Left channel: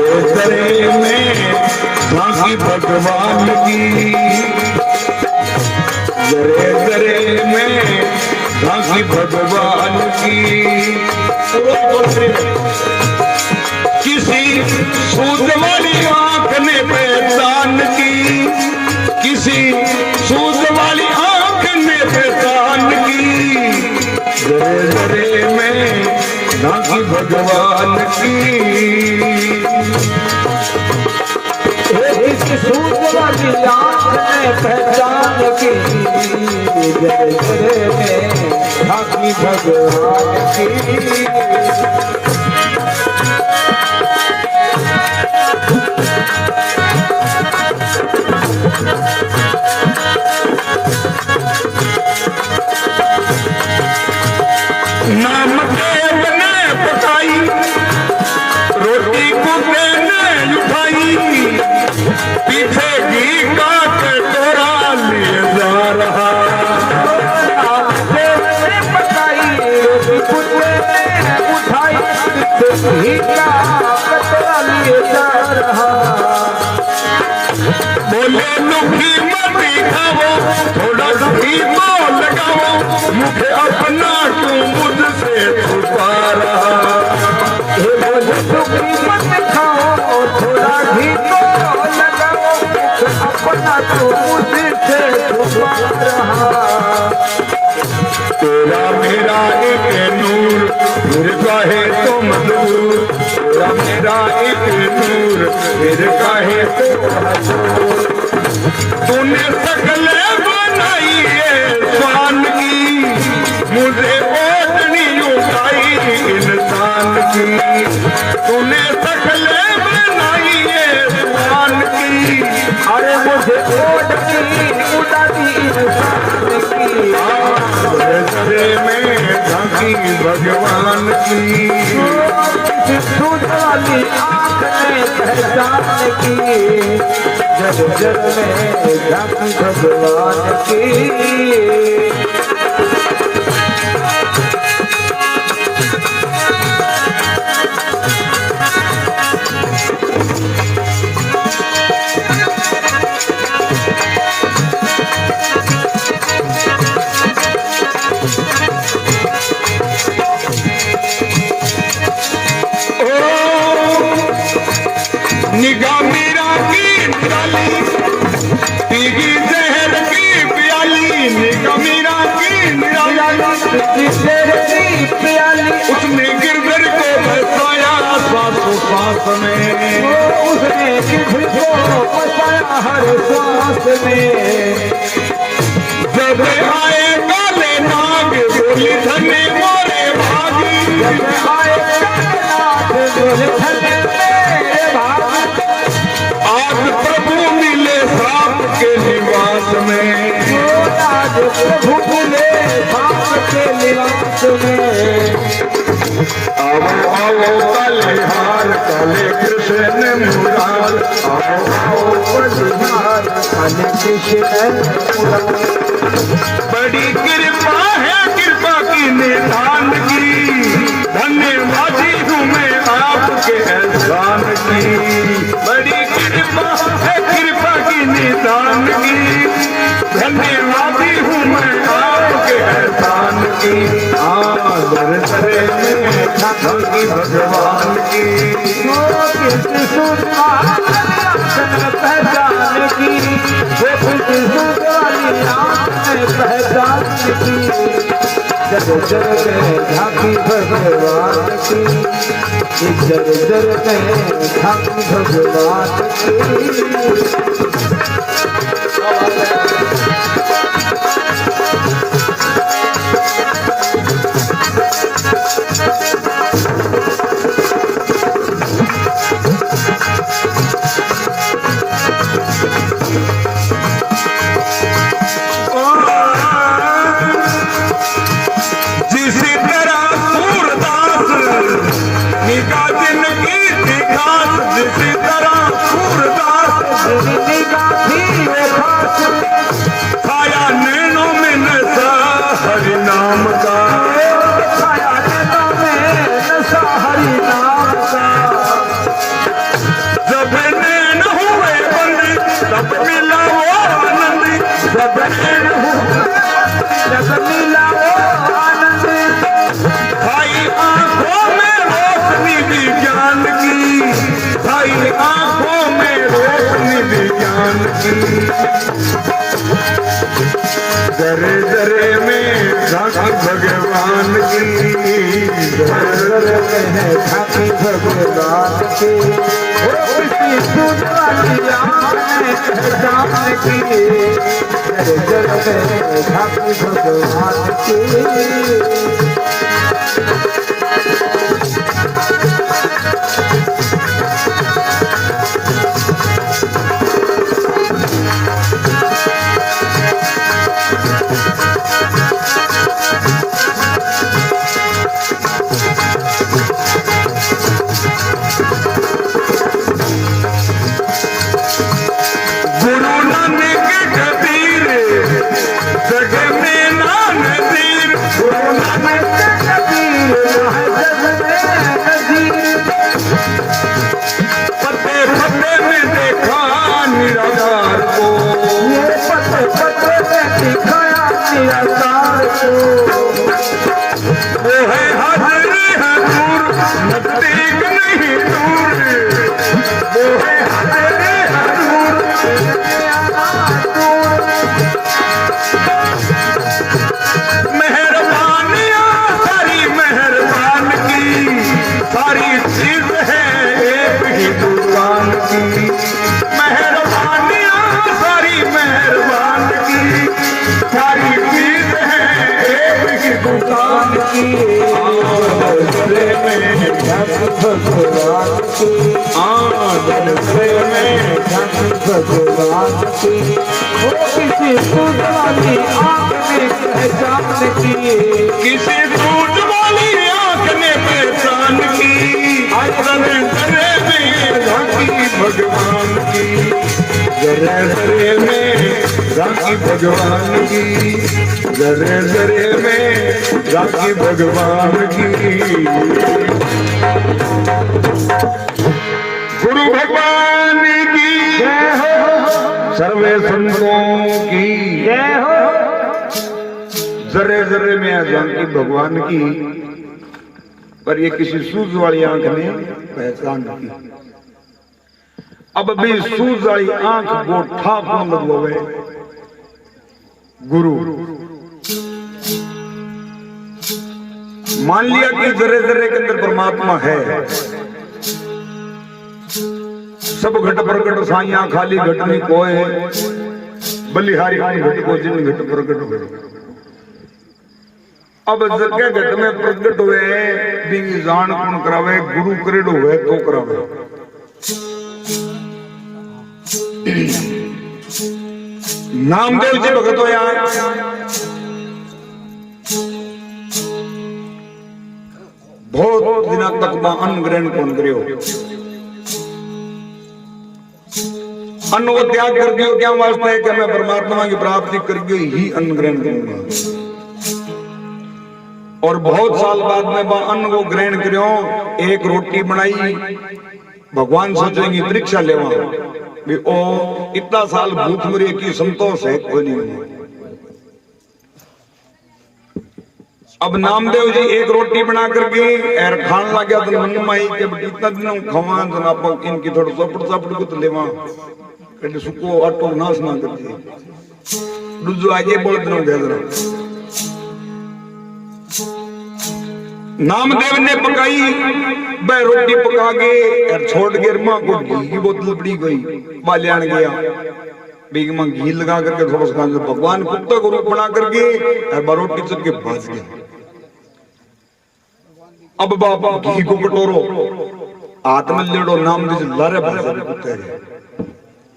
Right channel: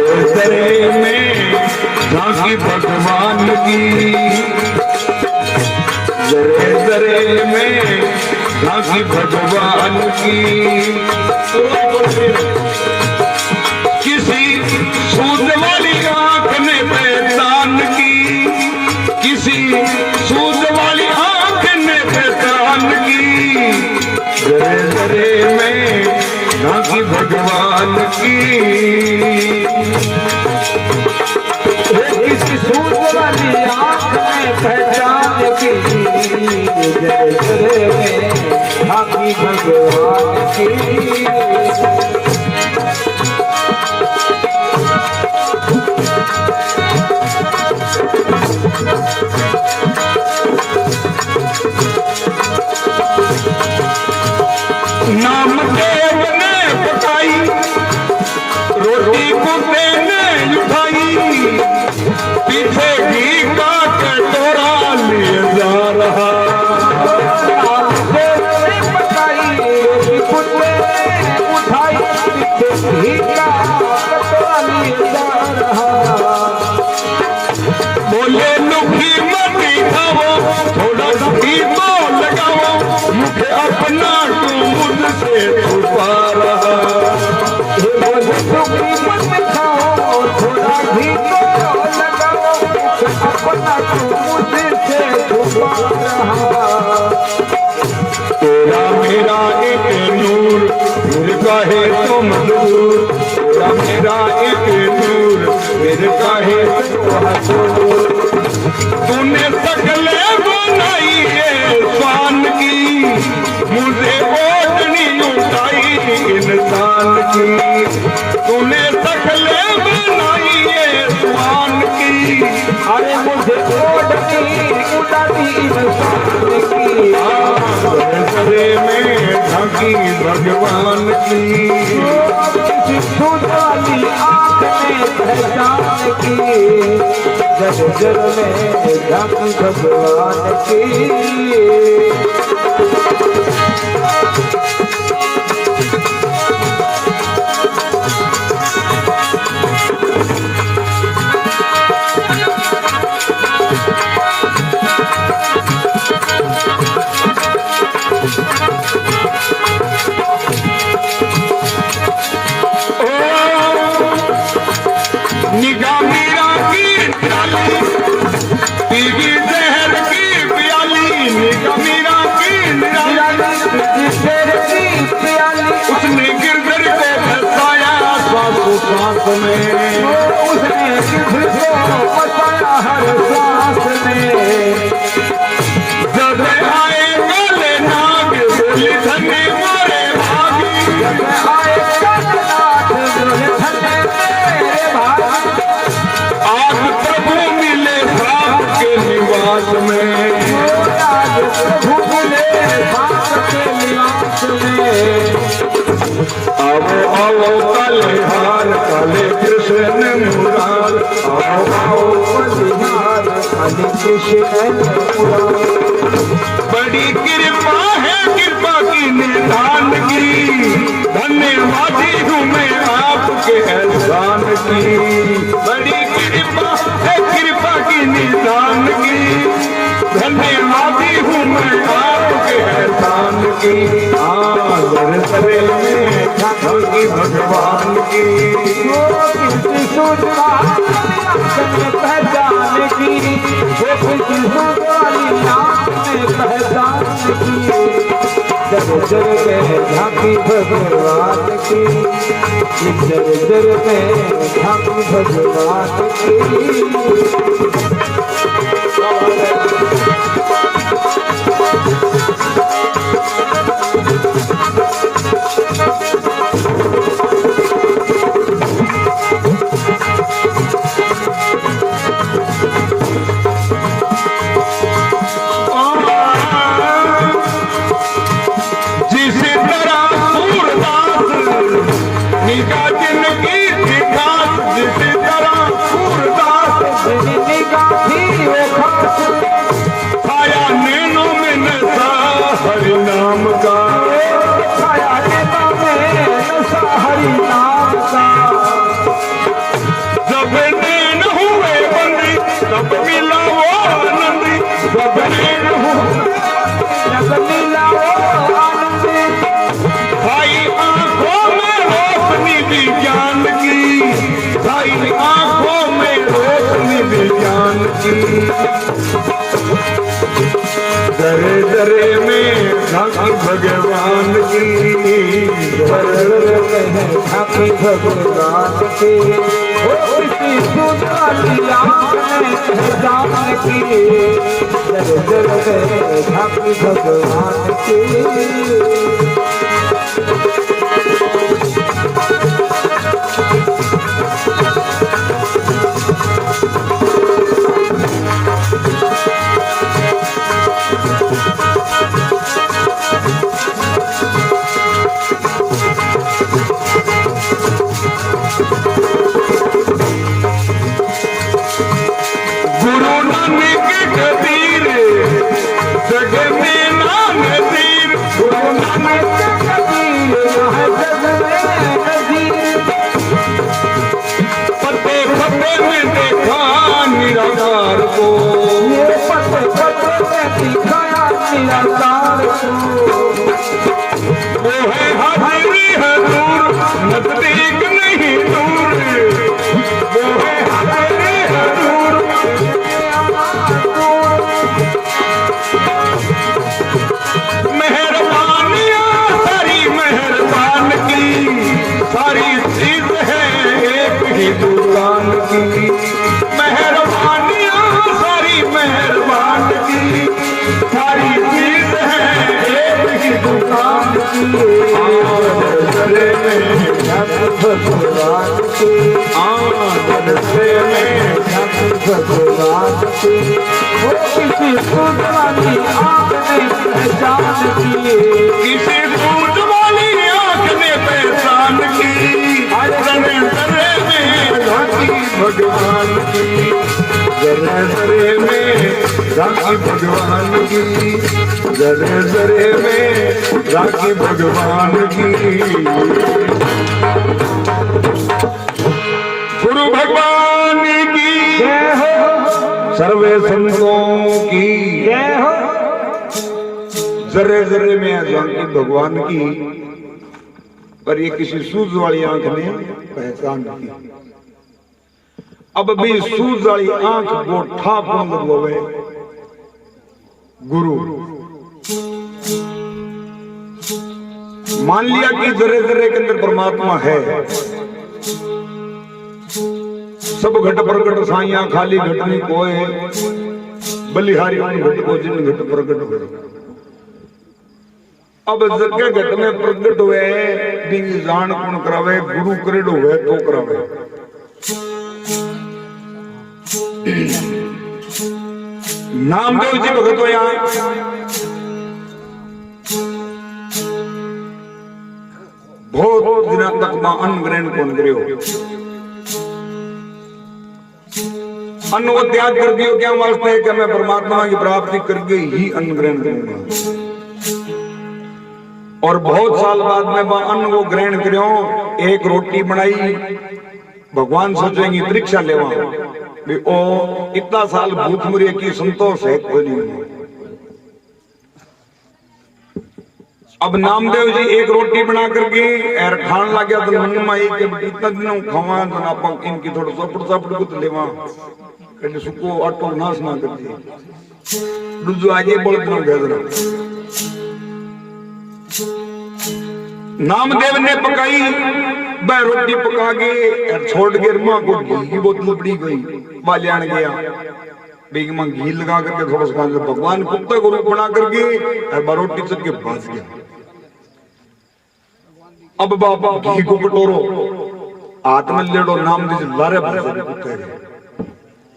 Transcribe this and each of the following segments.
जरे जरे में झांकी भगवान की, जरे जरे में झांकी भगवान की। किसी सूद वाली आंख ने पहचान की, किसी सूद वाली आंख ने पहचान की, जरे जरे में झांकी भगवान की। किसी सूद वाली आंख ने पहचान की, जरे जरे में झांकी भगवान की। नाम देव ने पकाई, रोटी कुत्ते ने उठाई, पीछे घी का कटोरा लिए जा रहा। नाम देव ने पकाई, रोटी कुत्ते ने उठाई, पीछे घी का कटोरा लिए जा रहा। बोले लुकी मत खाओ, थोड़ा घी तो लगाओ, मुझे अपना तू मुझसे छुपा रहा। लुकी मत खाओ, थोड़ा घी तो लगाओ, अपना तू मुझसे छुपा रहा। तेरा मेरा एक नूर, फिर कहे तो मजबूर, तेरा मेरा एक नूर, फिर कहे तो हजूर। तूने शकले बनाई है स्वान की, मुझे ओढ़नी उठाई इंसान की। तूने शकले बनाई है स्वान की, अरे मुझे ओढ़नी उठाई इंसान की। जरे में झांकी भगवान की। सूद वाली आंख ने पहचान की, जर जर में झांकी भगवान की। निगाह मीरा की डाली, पीगी जहर की प्याली, निगाह मीरा की निराली, जहर की प्याली। उसने गिरधर को बसाया सांसों सांस में, उसने गिरधर को बसाया हर सांस में। जब आए काले नाग बोले धने मोरे भागी, जब आए काले नाग बोले धने मेरे भागी। आज प्रभु मिले सांप के निवास में, आज प्रभु मिले सांप के निवास में। आओ आओ काले हार काले कृष्ण मुरार, आओ आओ बलिहार काले कृष्ण मुरार। बड़ी कृपा है कृपा की निधान की, धन्यवादी हूँ मैं आपके एहसान की। बड़ी कृपा है कृपा की निधान की, धन्यवादी हूँ मैं आपके एहसान की। जरे जरे में झांकी भगवान की। सूद पहचान की, सूद वाली आंख ने पहचान की, जर जर में झांकी भगवान की, जर जर में झांकी भगवान की। मिला आनंद भाई आंखों में रोशनी विज्ञान की, भाई आंखों में रोशनी विज्ञान की, जरे जरे में झांकी भगवान की, जरे में झांकी भगवान की, वो किसी सूझवाली आंख में पहचान की, जरे जरे में झांकी भगवान की। किसी सूझ वाली आंख ने पहचान की, किसी सूझ वाली आंख ने पहचान की, जरे जरे में झांकी भगवान की, जरे जरे में झांकी भगवान की, जरे जरे में झांकी भगवान की। गुरु भगवान की जय हो, सर्वे संतों की जय हो। जरे जरे में झांकी भगवान की, पर ये किसी सूझ वाली आंख ने पहचान की। अब भी सूझ वाली आंख को ठाक न लगवावे गुरु। मान लिया कि जरे जरे के अंदर परमात्मा है, सब घट प्रगट साइया खाली घटनी कोय, बलिहारी घट को जिन घट प्रगट हुए। अब जगह घट में प्रगट हुए भी जान कौन करावे, गुरु करेडो हुए तो करावे। नामदेव जी भगत होया, बहुत दिन तक अन्न ग्रहण कौन करियो, अन्न को त्याग कर दियो। क्या वास्ते है कि मैं परमात्मा की प्राप्ति करके ही अन्न ग्रहण करूंगा। और बहुत साल बाद में अन्न को ग्रहण करो, एक रोटी बनाई, भगवान सोचेंगे परीक्षा लेवा भी ओ इतना साल भूख मरी की संतोष है कोई नहीं। अब नामदेव जी एक रोटी बना करके एर खान लग गया तो मन में आई कि इतना दिनों खवा तो आप इनकी थोड़ा सपड़ सपड़ को तो लेवा એટલે સુકો આટો નાશ ના કરતી दूजो आजे बोल दिनों भेजना। नामदेव ने पकाई वह रोटी पका के छोड़ के मां को घी की बोतल पड़ी गई, बाल्याण गया बेग मां घी लगा करके थोड़ा सा भगवान कुत्ता को रूप बना करके रोटी चल के भाज गया। अब बाबा घी को कटोरो हाथ में लेडो, नामदेव लारे भाजे कुत्ते।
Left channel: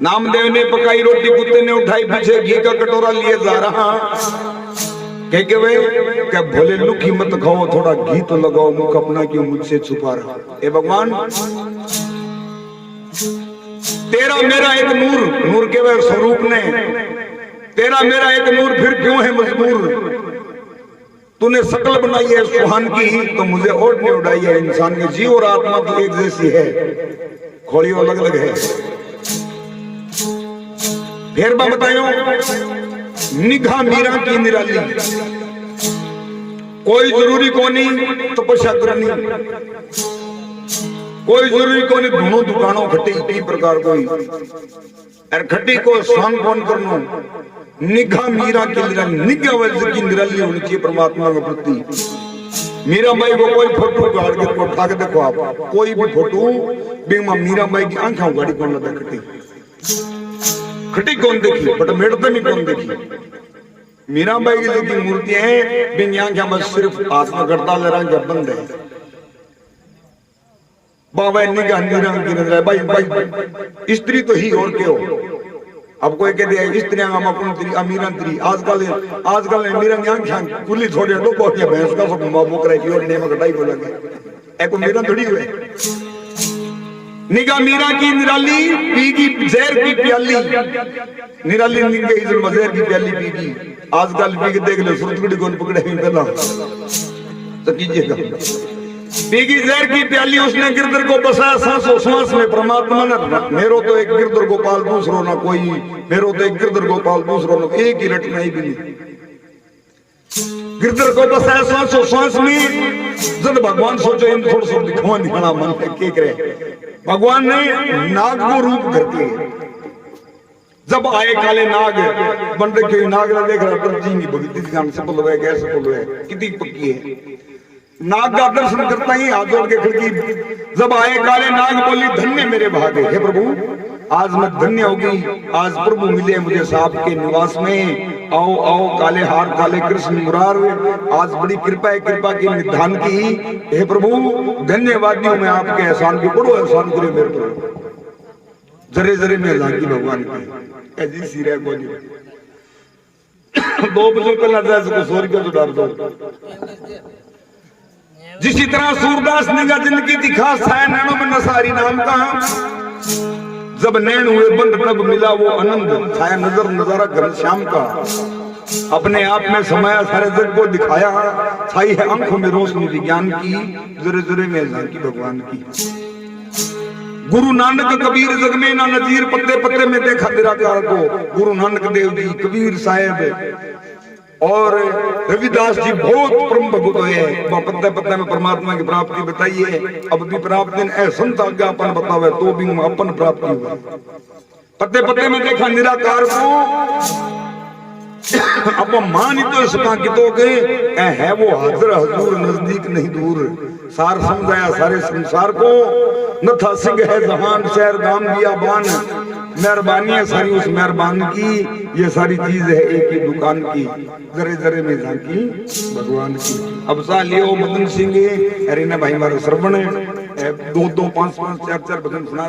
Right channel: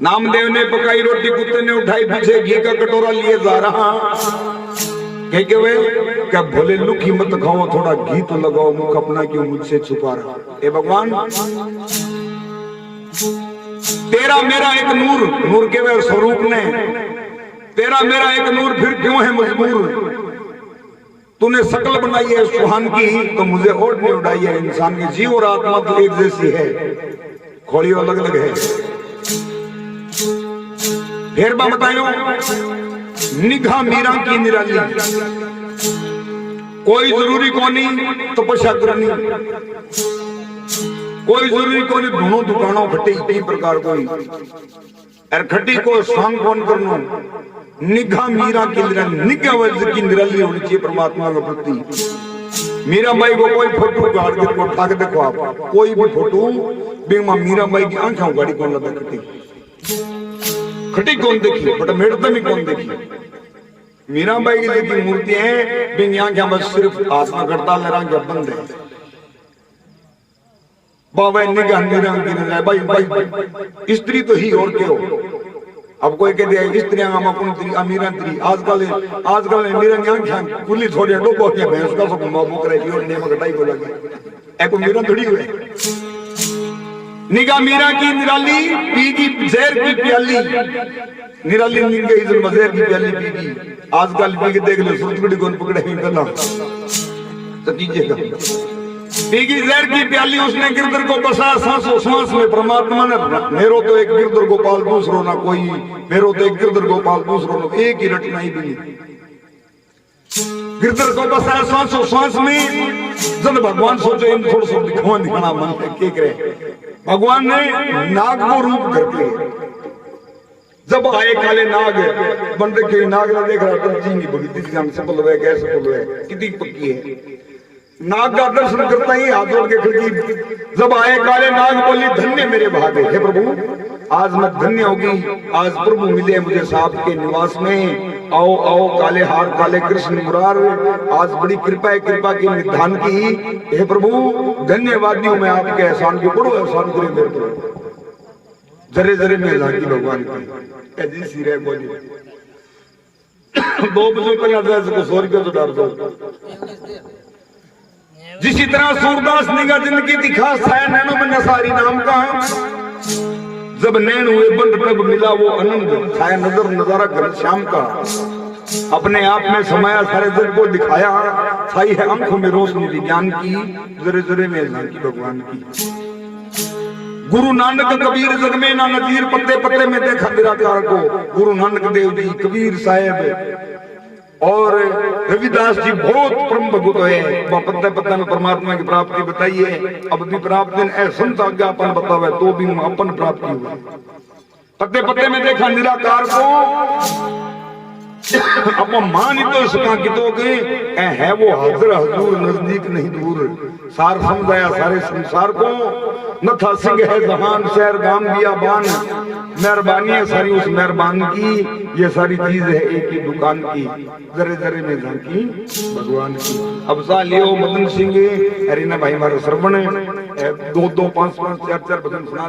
नामदेव ने पकाई रोटी, कुत्ते ने उठाई, पीछे घी का कटोरा लिए जा रहा। कह वे क्या भोले लुकी मत खाओ, थोड़ा घी तो लगाओ, मुख अपना क्यों मुझसे छुपा रहा। ए भगवान तेरा मेरा एक नूर, नूर के वे स्वरूप ने, तेरा मेरा एक नूर फिर क्यों है मजबूर। तूने शकल बनाई है सुहान की, तो मुझे और नहीं उड़ाई है। इंसान के जीव और आत्मा तो एक जैसी है, खोली अलग अलग है। फिर बतायो निगाह मीरा की निराली, कोई जरूरी कोनी तपस्या करनी, कोई जरूरी कोनी धुनो दुकानों खट्टी कई प्रकार कोई और खट्टी को सांग कौन करनो निगाह मीरा के लिए निगाह वजह की निराली होनी चाहिए परमात्मा के प्रति। मीरा बाई को कोई फोटो गाड़ के उठा के देखो आप, कोई भी फोटो बेमा मीरा बाई की आंखें गाड़ी कौन लगा खट्टी खट्टी कौन देखी बट मेड़ते में कौन देखी। मीरा बाई की जो मूर्तियां हैं बिन आंखें बस सिर्फ आसना करता लड़ा के बंद है बाबा निगाह निरंग की नजर भाई भाई स्त्री तो ही और क्यों। अब कोई कहते हैं स्त्रियां हम अपन तेरी अमीरा तेरी आजकल मीरा आंखें खुली थोड़ी डोबो के भैंस का सब बाबू करे की और ने में घटाई को लगे एको मीरा थोड़ी हुए। निगाह मीरा की निराली पी की जहर की प्याली निराली निगाह इधर मजहर की प्याली पी की आजकल पी के देख लो सुरतगड़ी कौन पकड़े पहला तो कीजिएगा पीगी जहर की प्याली उसने गिरधर को बसाया सांसों सांस में परमात्मा ने मेरो तो एक गिरधर गोपाल दूसरो ना कोई मेरो तो एक गिरधर गोपाल दूसरो ना एक ही रटना ही भी गिरधर को बसाया सांसों सांस में जब भगवान सोचो इन थोड़ा सा दिखाना मन है क्या करे भगवान ने नाग को रूप करके जब आए काले नाग बन रखे नाग ने देख रहा जी भगती जी हम सफल हुए कैसे सफल हुए कितनी पक्की है नाग का दर्शन करता ही हाथ जोड़ के खिड़की जब आए काले नाग बोली धन्य मेरे भागे हे प्रभु आज मैं धन्य होगी आज प्रभु मिले मुझे सांप के निवास में आओ आओ काले हार काले कृष्ण मुरार आज बड़ी कृपा है कृपा की निधान की हे प्रभु धन्यवादी हूं मैं आपके एहसान की बड़ो एहसान करे मेरे पर जरे जरे में लागी भगवान की ऐसी सिरे बोली 2 बजे पहला 100 रुपया तो डाल दो। जिसी तरह सूरदास निगाह जिंदगी दिखा साया नैनों में नसारी नाम का जब नैन हुए बंद तब मिला वो आनंद छाया नजर नजारा घनश्याम का अपने आप में समाया सारे जग को दिखाया छाई है आंखों में रोशनी विज्ञान की जरे जरे में झांकी भगवान की। गुरु नानक कबीर जग में ना नजीर पत्ते पत्ते में देखा निराकार को गुरु नानक देव जी कबीर साहेब और रविदास जी बहुत परम भगत है पत्ता पत्ता में परमात्मा की प्राप्ति बताई है। अब भी प्राप्ति संत आज्ञापन बतावे तो भी अपन प्राप्ति हुआ पत्ते पत्ते में देखा निराकार को अब मान ही तो इसका कितोगे है वो हाजिर हजूर नजदीक नहीं दूर सार समझाया सारे संसार को न था सिंह है जहान शहर गाम दिया बान मेहरबानी है सारी उस मेहरबान की ये सारी चीज है एक ही दुकान की जरे जरे में झांकी भगवान की। अब सा लियो मदन सिंह अरे ना भाई हमारे श्रवण 2 2 5 5 4 4 भजन सुना